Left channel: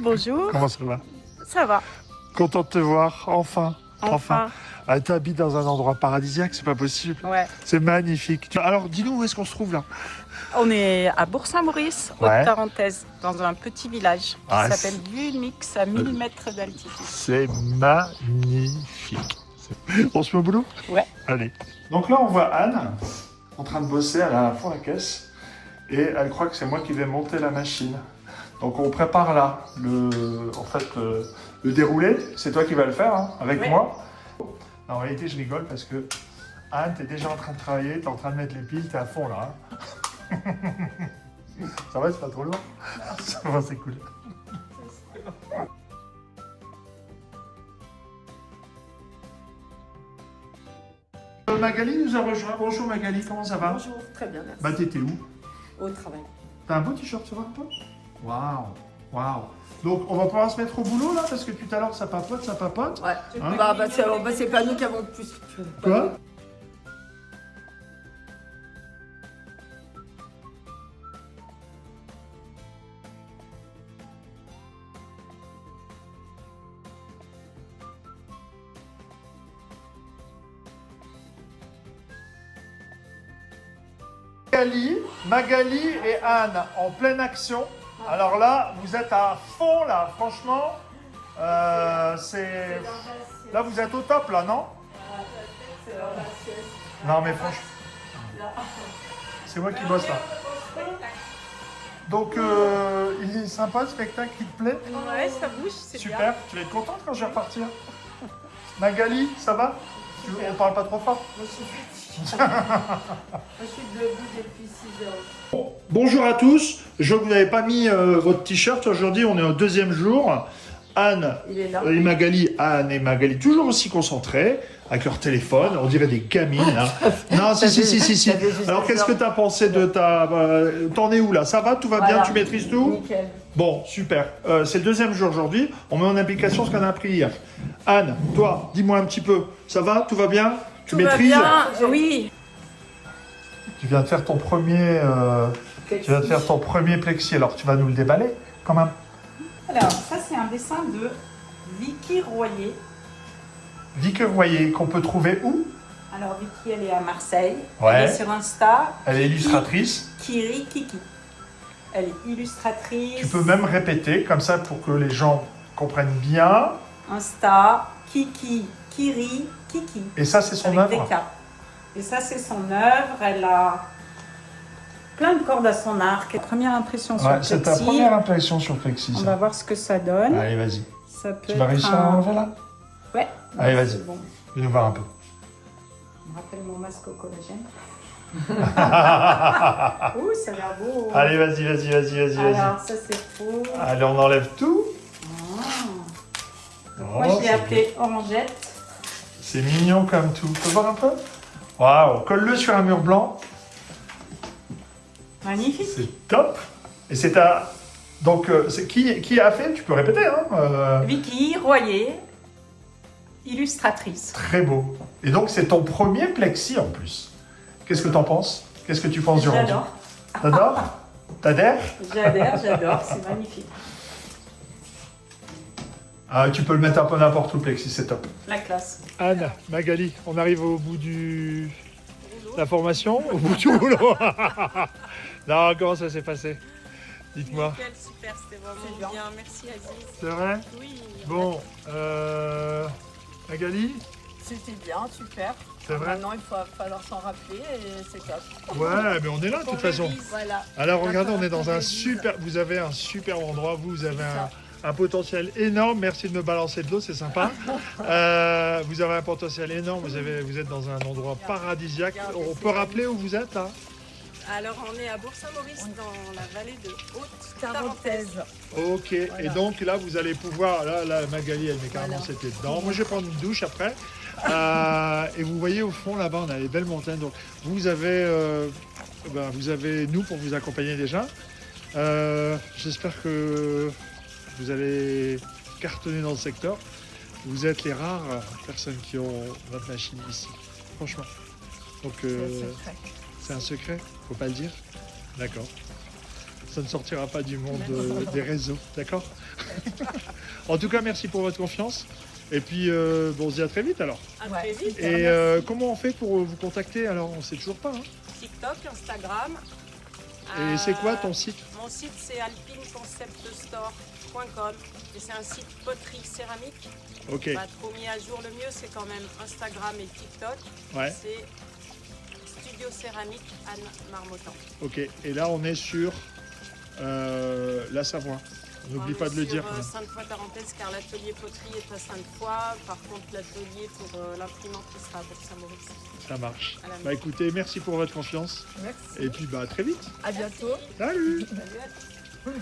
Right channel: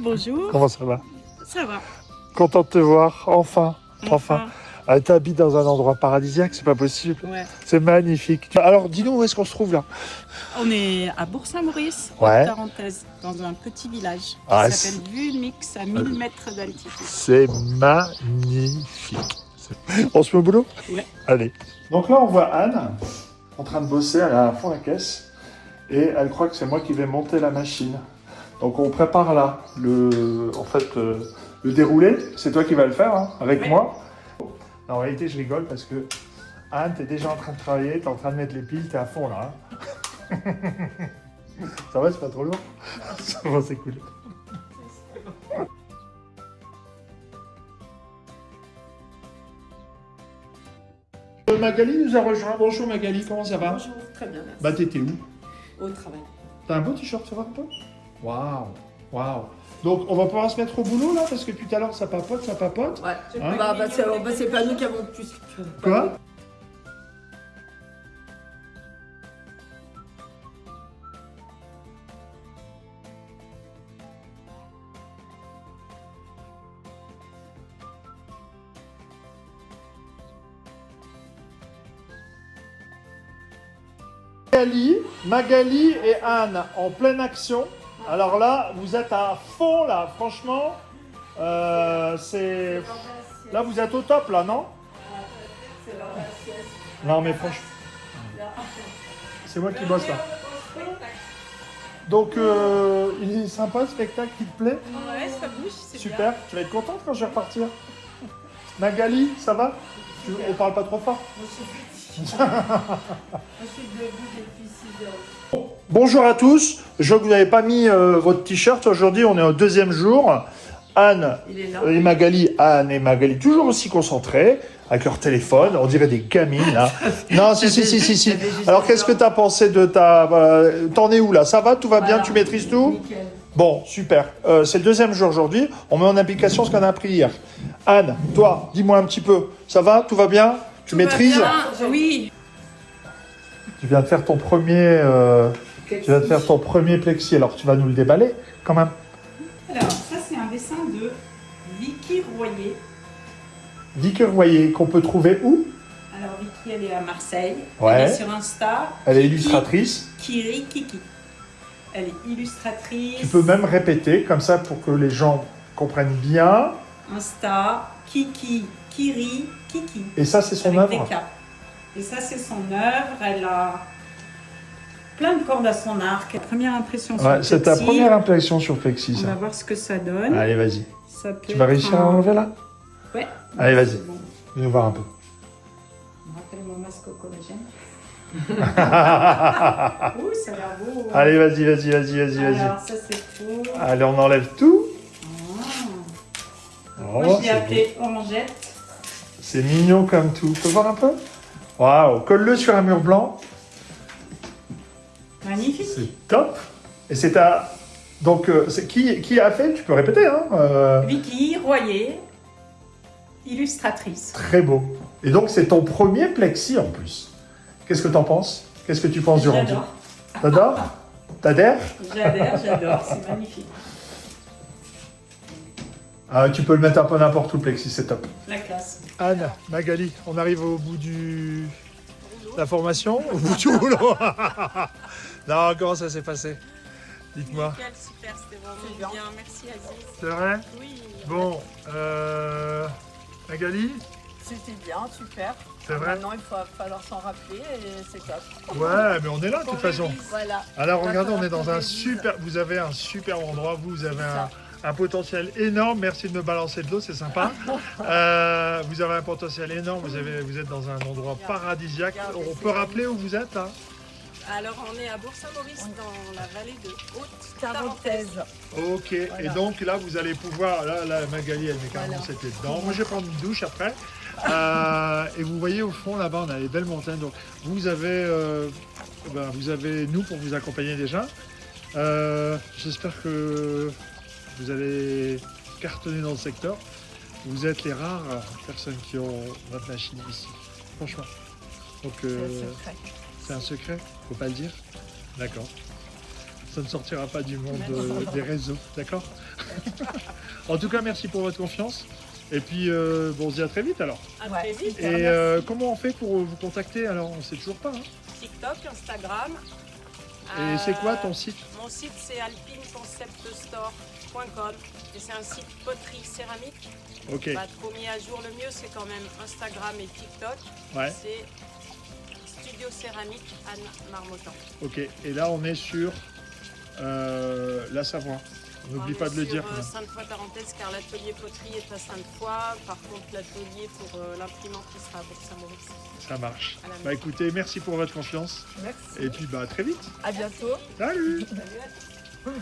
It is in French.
Bonjour. Comment ça va? Ça va. Content de te voir, enfin. Enfin. Ah, t'habites dans un endroit paradisiaque, c'est pas possible. Ouais. C'est magnifique. Alors, dis-nous où est-ce qu'on se trouve là? On est à Bourg-Saint-Maurice, Ouais. Haute-Tarentaise, dans un petit village Ah, qui s'appelle Vumix, à 1000 mètres d'altitude. C'est magnifique. On se met au boulot? Ouais. Allez. Donc là, on voit Anne en train de bosser, elle a à fond la caisse et elle croit que c'est moi qui vais monter la machine. Donc on prépare là le déroulé, c'est toi qui vas le faire hein, avec Ouais. moi. En réalité, je rigole parce que Anne, t'es déjà en train de travailler, t'es en train de mettre les piles, t'es à fond là. Hein. Ça va, c'est pas trop lourd? Ça va, c'est cool. Magali nous a rejoint. Bonjour Magali, comment ça va? Bonjour, très bien, merci. Bah t'étais où? Au travail. T'as un beau t-shirt, ça va un peu? Waouh, waouh. Donc on va pouvoir se mettre au boulot là, parce que tout à l'heure ça papote, ça papote. Ouais, Hein? c'est pas nous qui avons plus. Quoi? Magali et Anne en pleine action. Alors là, vous êtes à fond là, franchement. Là, vous êtes au top là, non? Non, mais franchement, c'est moi qui bosse là. Donc, il est sympa, le spectacle qui te plaît? Ouais, ça bouge, c'est bien. Super. Tu vas être contente quand je vais repartir. Magali, ça va? On parle pas trop fort? Moi, je suis debout depuis 6 heures. Bonjour à tous, je vous n'avez pas mis votre t-shirt aujourd'hui, on est au deuxième jour. Anne Il est là. et Magali, Anne et Magali, toujours aussi concentrées, avec leur téléphone, on dirait des gamines là. Non, si. Alors qu'est-ce que tu as pensé de ta... T'en es où là? Ça va? Tout va bien? Voilà. Tu maîtrises tout? Nickel. Bon, super. C'est le deuxième jour aujourd'hui, on met en application ce qu'on a appris hier. Anne, toi, dis-moi un petit peu, ça va? Tout va bien? Tu Tout va maîtrises? bien, oui. Tu viens de faire ton premier... Tu vas te faire ton premier plexi, alors tu vas nous le déballer quand même. Alors, ça c'est un dessin de Vicky Royer. Vicky Royer, qu'on peut trouver où? Alors Vicky, elle est à Marseille. Ouais. Elle est sur Insta. Elle est illustratrice. Kiri Kiki. Elle est illustratrice. Tu peux même répéter comme ça pour que les gens comprennent bien. Insta, Kiki, Kiri, Kiki. Et ça, c'est son Avec œuvre. des caps. Et ça, c'est son œuvre. Elle a plein de cordes à son arc. Première impression sur Ouais, le c'est ta plexi. première impression sur le plexi. On ça. va voir ce que ça donne. Allez, vas-y. Ça peut Tu vas être réussir à enlever là? Ouais. Allez, vas-y. C'est bon. Viens nous voir un peu. Je me rappelle mon masque au collagène. Ouh, ça a l'air beau. Allez, vas-y. Alors, ça c'est faux. Allez, on enlève tout. Donc, moi, je l'ai c'est appelé Orangette. C'est mignon comme tout. Tu peux voir un peu? Waouh, colle-le sur un mur blanc. Magnifique. C'est top. Et c'est un... Donc, c'est qui a fait? Tu peux répéter, hein? Vicky Royer, illustratrice. Très beau. Et donc, c'est ton premier plexi en plus. Qu'est-ce que t'en penses? Qu'est-ce que tu penses du rendu? J'adore. T'adores? T'adhères? J'adore, c'est magnifique. Tu peux le mettre un peu n'importe où, le plexi, c'est top. La classe. Anne, Magali, on arrive au bout de la formation, au bout du boulot. Non, comment ça s'est passé? Dites-moi. Nickel, super, c'était vraiment bien. Merci à vous. C'est vrai? Oui. Bon, Magali, C'était bien, super. c'est vrai? Maintenant, il va falloir s'en rappeler et c'est top. Ouais, mais on est là de toute façon. Voilà. Alors regardez, on est dans un Révise. super... Vous avez un super endroit, vous avez un potentiel énorme. Merci de me balancer de l'eau, c'est sympa. Vous avez un potentiel énorme, vous êtes dans un endroit paradisiaque. On peut rappeler où vous êtes hein? Alors on est à Bourg-Saint-Maurice dans la vallée de Tarentaise. Haute-Tarentaise. Ok, et donc là vous allez pouvoir, là Magali elle met carrément ses pieds dedans. Moi je vais prendre une douche après. Et vous voyez au fond là-bas on a les belles montagnes. Donc vous avez nous pour vous accompagner déjà. J'espère que vous allez cartonner dans le secteur. Vous êtes les rares personnes qui ont votre machine ici, franchement. Donc c'est un secret, faut pas le dire. D'accord. ça ne sortira pas du monde des réseaux, d'accord? En tout cas, merci pour votre confiance. Et puis, bon, on se dit à très vite alors. À Ouais. très vite. Et comment on fait pour vous contacter alors? On ne sait toujours pas. Hein. TikTok, Instagram. Et c'est quoi ton site? Mon site c'est alpineconceptstore.com et c'est un site poterie céramique. Ok, Pas trop mis à jour, le mieux c'est quand même Instagram et TikTok. ouais, C'est Studio Céramique Anne Marmottan. ok. Et là, on est sur la Savoie. N'oublie pas de le dire. Sainte-Foy-Tarentaise car l'atelier poterie est à Sainte-Foy. Par contre l'atelier pour l'imprimante sera à Bourg-Saint-Maurice. Ça marche. À la Bah écoutez, merci pour votre confiance. Merci. Et puis, bah à très vite. À bientôt. Salut! Salut.